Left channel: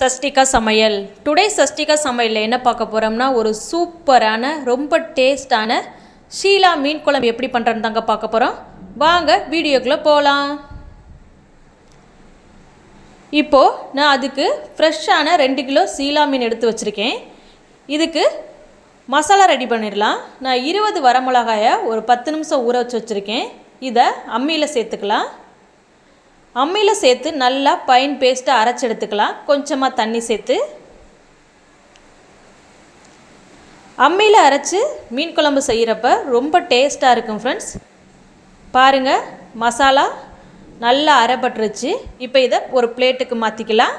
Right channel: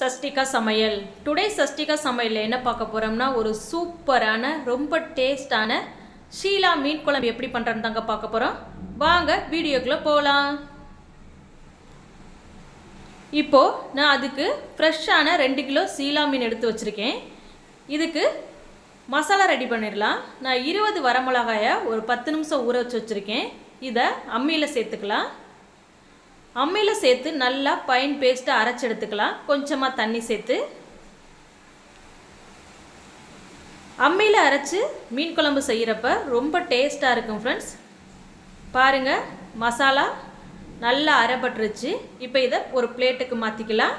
சஷ்டிகா சமையல். டுடே சஷ்டிகா சமையலில் என்ன பார்க்க போகிறோம்னா ஒரு சூப்பரான ரொம்ப டேஸ்டான ஷீலா மீன் குழம்பு எப்படி பண்ணுறேன்னு தாங்க பார்க்க போகிறோம் வாங்க வீடியோக்குள்ளே போகலாம் இப்போது நான் அதுக்கு ஃப்ரெஷ்ஷான ரெண்டு கிலோ சீலா மீன் எடுத்து வச்சுருக்கேன். இதுக்கு மசாலா ரெடி பண்ணிடலாம். நான் இருபது வரமிளகாயை ஒரு பத்து நிமிஷம் ஊற வச்சு வச்சுருக்கேன். இதை அம்மியில் சேர்த்துக்கலாம். அம்மியில் சேர்த்து நல்லா பைன் பேஸ்ட்டை அரைச்சி எடுத்துக்கலாம். கொஞ்சமாக தண்ணி சேர்த்து. அம்மியில் அரைச்சி மீன் குழம்பு செய்கிறப்ப ரொம்ப டேஸ்ட்டாக இருக்கும் ஃப்ரெண்ட்ஸ் பாருங்கள் மசாலா நல்லா அரைப்பட்டுருச்சு. இப்போ இதை ஒரு பிளேட்டுக்கு மாற்றிக்கலாம்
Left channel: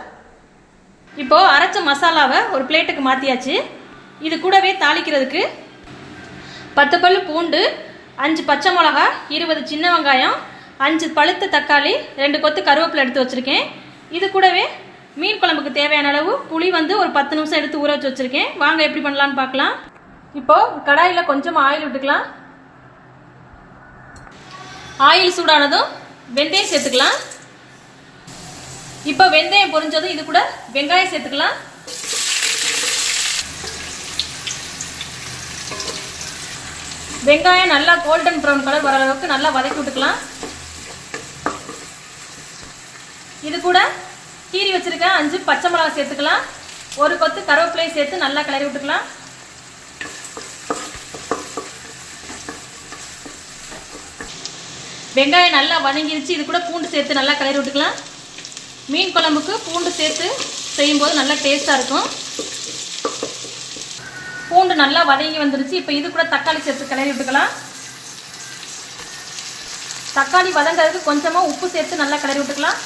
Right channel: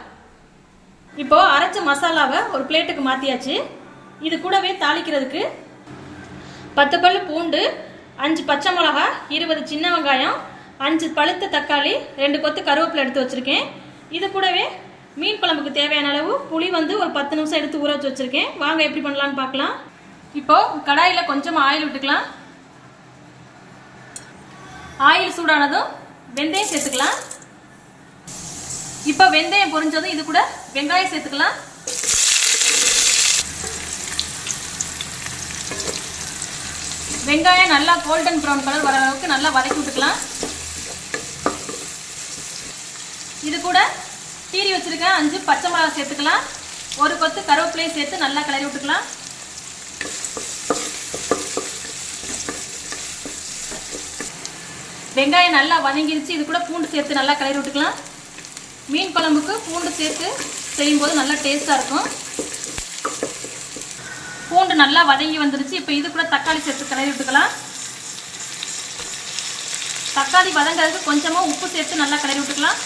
இப்போது அரைச்ச மசாலாவை ஒரு பிளேட்டுக்கு மாற்றியாச்சு இது கூடவே தாளிக்கிறதுக்கு பத்து பல் பூண்டு அஞ்சு பச்சை மிளகா இருபது சின்ன வெங்காயம் அஞ்சு பழுத்த தக்காளி ரெண்டு கொத்து கருவேப்பிலை எடுத்து வச்சுருக்கேன். இது கூடவே மீன் குழம்புக்கு தேவையான அளவு புளி வந்து ஒரு பத்து நிமிஷம் எடுத்து ஊற வச்சு வச்சுருக்கேன். வாங்க எப்படி பண்ணலான்னு பார்க்கலாம். இப்போது கடாயில் கொஞ்சமாக ஆயில் விட்டுக்கலாம். ஆயில் சூடானதும் வெந்தயம் சேர்த்துக்கலாம். இப்போ வெந்தயம் பொரிஞ்சதும் இது கூட வெங்காயம் சேர்த்துக்கலாம். வெங்காயம் நல்லா கோல்டன் ப்ரௌன் கலர் வர அளவுக்கு நல்லா வதக்கி விட்டுக்கலாம். இது கூட கீரி வச்சிருக்க அஞ்சு பச்சை மிளகாய் சேர்த்துக்கலாம். ஒரு கொத்து கருவேப்பிலையும் சேர்த்து நல்லா கிளறி விட்டுக்கலாம். வெங்காயம் நல்லா வதங்கிருச்சு இது கூட பூண்டு சேர்த்து நல்லா கிளறி விட்டுக்கலாம். மீன் குழம்புக்கு பூண்டு சேர்த்து செய்யும்போது நல்லா டேஸ்ட்டாக இருக்கும். பூண்டு நல்லா வதங்கி வந்துருச்சு. இப்போ இது கூட தக்காளி சேர்த்து கிளறி விட்டுக்கலாம். தக்காளி வதங்கிறதுக்கு கொஞ்சமாக உப்பு சேர்த்து நல்லா கிளறி விட்டுக்கலாம்.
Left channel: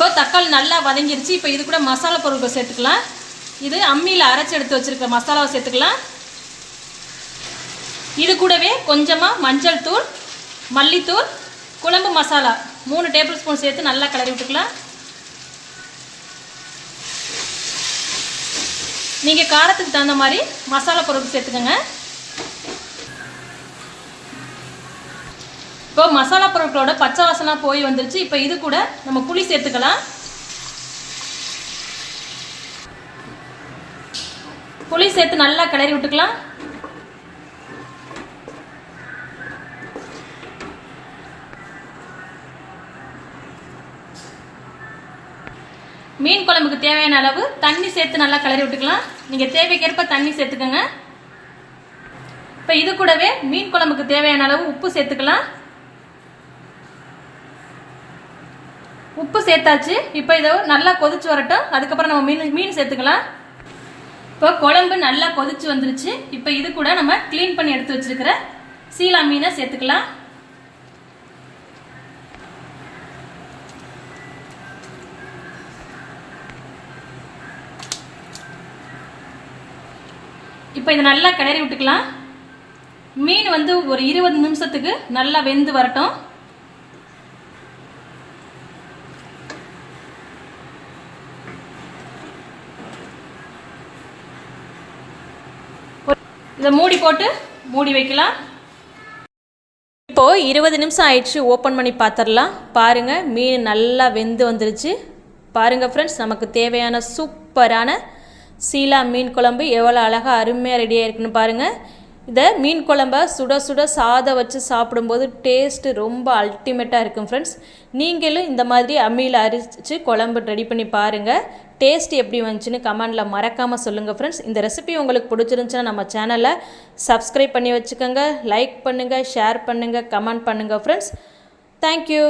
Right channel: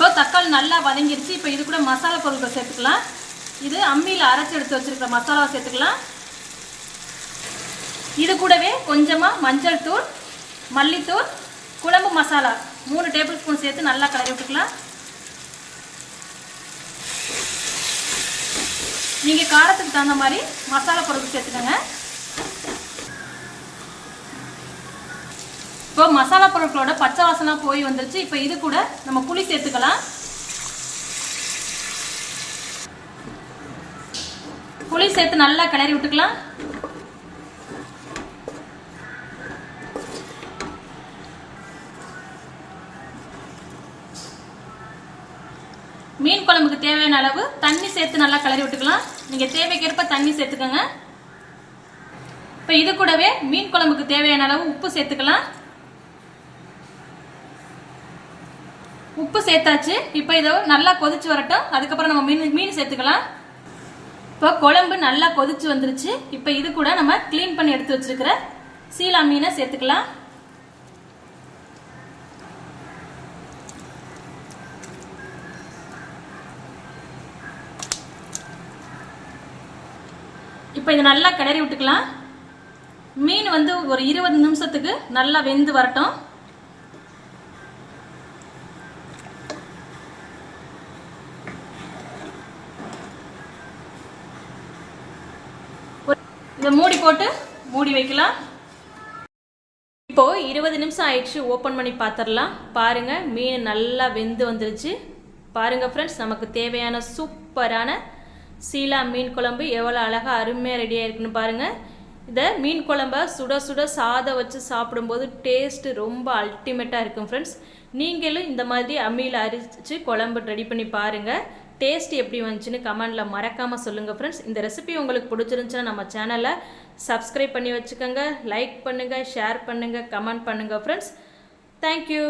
இப்போ தக்காளி நல்லா வதங்கிருச்சு. இப்போ இது கூட மசாலா பொருட்கள் சேர்த்துக்கலாம். இது அம்மியில் அரைச்சி எடுத்து வச்சிருக்கிற மசாலாவை சேர்த்துக்கலாம். இது கூடவே கொஞ்சமாக மஞ்சள் தூள் மல்லித்தூள் குழம்பு மசாலா மூணு டேபிள் ஸ்பூன் சேர்த்து நல்லா கலரி விட்டுக்கலாம். நீங்கள் காரத்துக்கு தகுந்த மாதிரி மசாலா பொருட்கள் சேர்த்துக்கோங்க. இப்போ மசாலா பொருட்களோட பச்சை வாசனை போய் வந்துருச்சு. இப்போ இது கூட நம்ம புளி சேர்த்துக்கலாம். புளி சேர்த்து நல்லா கிளறி விட்டுக்கலாம். மீன் குழம்புக்கு தேவையான அளவு தண்ணி சேர்த்து நல்லா கிளறி விட்டுக்கலாம். நீங்க தேவைக்கேற்ப தண்ணி சேர்த்துக்கோங்க. இப்போ இது கூடவே மீன் குழம்புக்கு தேவையான அளவு உப்பு சேர்த்துக்கலாம். உப்பு சேர்த்தாச்சு. இப்போ இதை நல்லா கொதிச்சு வரட்டும். அதுக்கப்புறம் நம்ம மீன் மீன் சேர்த்துக்கலாம். இப்போ குழம்பு நல்லா கொதிச்சு வந்துருச்சு. இப்போ இது கூட நம்ம க்ளீன் பண்ணி எடுத்து வச்சிருக்கிற சீலா மீனை சேர்த்துக்கலாம். இப்போ இதை நல்லா கிளறி விட்டுக்கலாம். மீன் வந்து ஒரு இருபது நிமிஷத்துக்கு நல்லா வெந்து வரட்டும். இதை மூடி போட்டு மூடி வைக்கலாம். இப்போது இருபது நிமிஷம் ஆயிடுச்சு ஓப்பன் பண்ணி பார்த்துடலாம் பாருங்கள் மீன் நல்லா வெந்து வந்துருச்சு. பாருங்கள் ஃப்ரெண்ட்ஸ் நமக்கு தேவையான சூப்பரான சீலா மீன் குழம்பு எவ்வளோ அழகாக அருமையாக ரெடியாக இருக்குன்னு பாருங்கள் இதை மீன் குழம்ப சுட சுட சாதம் வச்சு சாப்பிடும்போது டேஸ்ட்டு ரொம்ப அல்டிமேட்டாக இருக்கும் ஃப்ரெண்ட்ஸ் நீங்களும் இந்த மாதிரி அம்மியில் அரிச்சு குழம்பு ரெடி பண்ணி பாருங்கள் டேஸ்ட் எப்படி வந்துச்சுன்னு கமெண்டில் மறக்காமல் சொல்லுங்கள் ஃப்ரெண்ட்ஸ் இந்த ரெசிபி உங்களுக்கு பிடிச்சிருந்துச்சுன்னா நம்ம சேனலை சப்ஸ்கிரைப் பண்ணி வச்சுக்கோங்க லைக் பண்ணுங்கள் ஷேர் பண்ணுங்கள் கமெண்ட் பண்ணுங்கள் ஃப்ரெண்ட்ஸ் தேங்க்யூ